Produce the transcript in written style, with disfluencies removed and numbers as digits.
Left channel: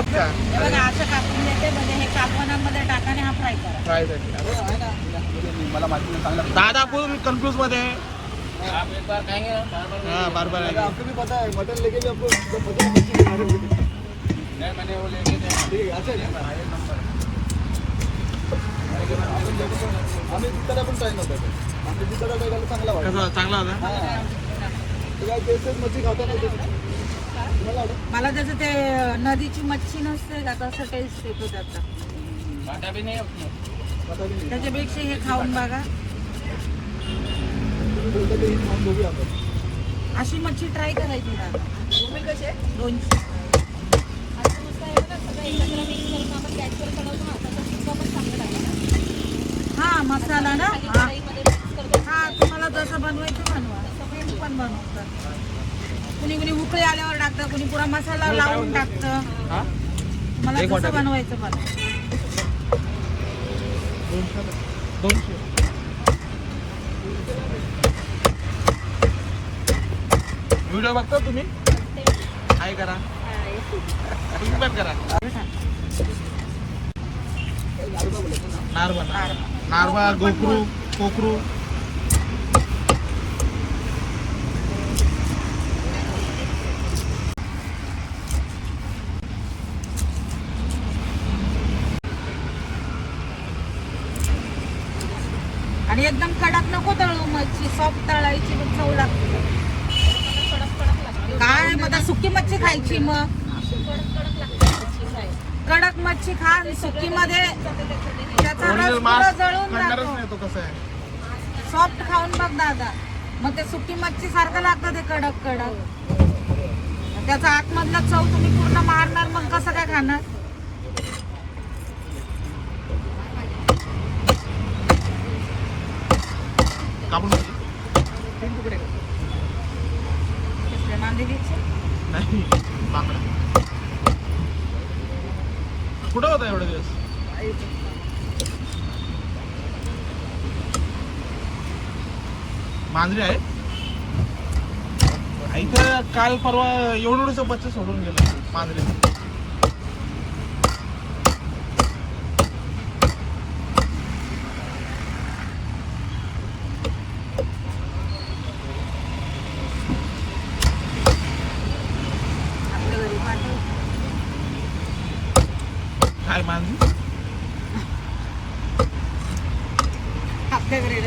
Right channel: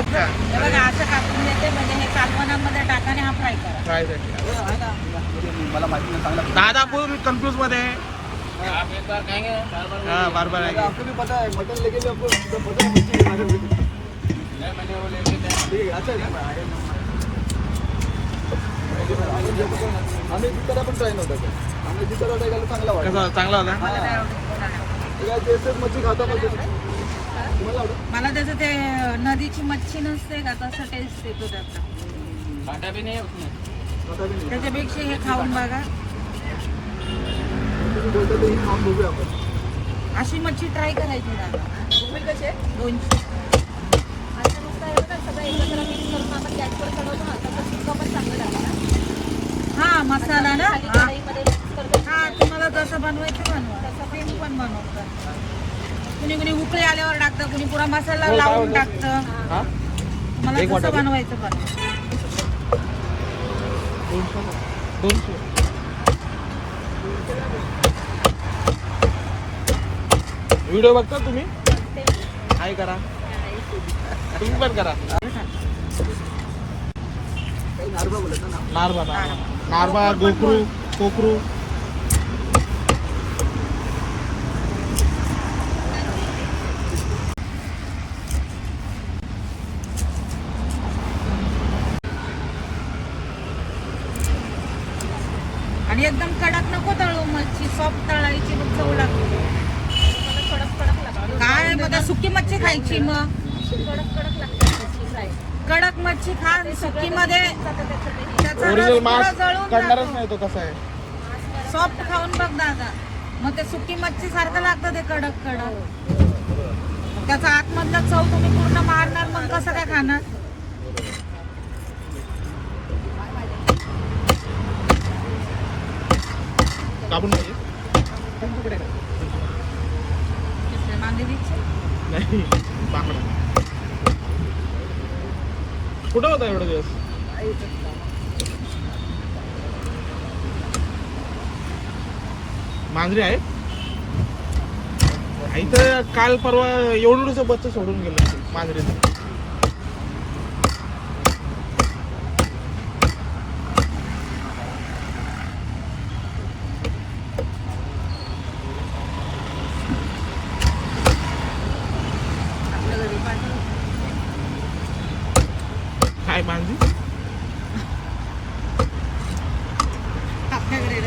असं कापून घेते त्याने कालवणामध्ये टाकाने हा फ्राय करा. फ्राय मला माहिती नाही. दादापूर कन्फ्युज मध्ये हाँ बार-बार आएंगे। आपको भी पता है मटन लेके भी आपको पता है मच्छी के बारे में। ठीक है अच्छा है आम्ही जितना पण ट्राय नव्हता आम्ही जितना ट्राय केला चांगला वाटला. चांगला होता. तेच मच्छी खाता तुम्हाला मला त्याचं ते नदीची मच्छी नसते का तसं टेस्ट येतो त्याचा. काटा भी नाही त्याच्यापेक्षा हे खाऊन बघा. अशी मच्छी ट्राय करायची ना. 200. हा मसाला ना हा तुम्हाला जसं बनवायचं बनवा तसं पण बनवतात. कुणी कुणी उकळी आल्यावर टाकतं कुणी पुरा मसाला लावून टाकतं. मला कसं बनवायचं बनवा. व्हिडिओ बघता तुम्ही काय करा तुम्ही पण करा. नारबा गोखरू कोकरू आणि एकदम कडक नको तळू मच्छी सॉफ्ट तळायची मग खाऊ लागते. काय आता सुकी मच्छी खायची मग कडक मच्छी खा सुकी मध्ये ओरिजिनल मांस करणारच नाही तो कसा आहे. सॉफ्ट खाऊन बघ दादा मग ते सुकी मच्छी सारखं लागतं ते कडक कडक. त्याचा आतमधला चव तुम्ही पूर्ण मारणार मग कसं काय खाणार. कापून नाही कुठं होता एवढा दिवस. मांजरी आहे इथं. काल परवा एवढं बच्चा सोडून गेलो मांजरीचं. काय मांजरी आपल्या घरी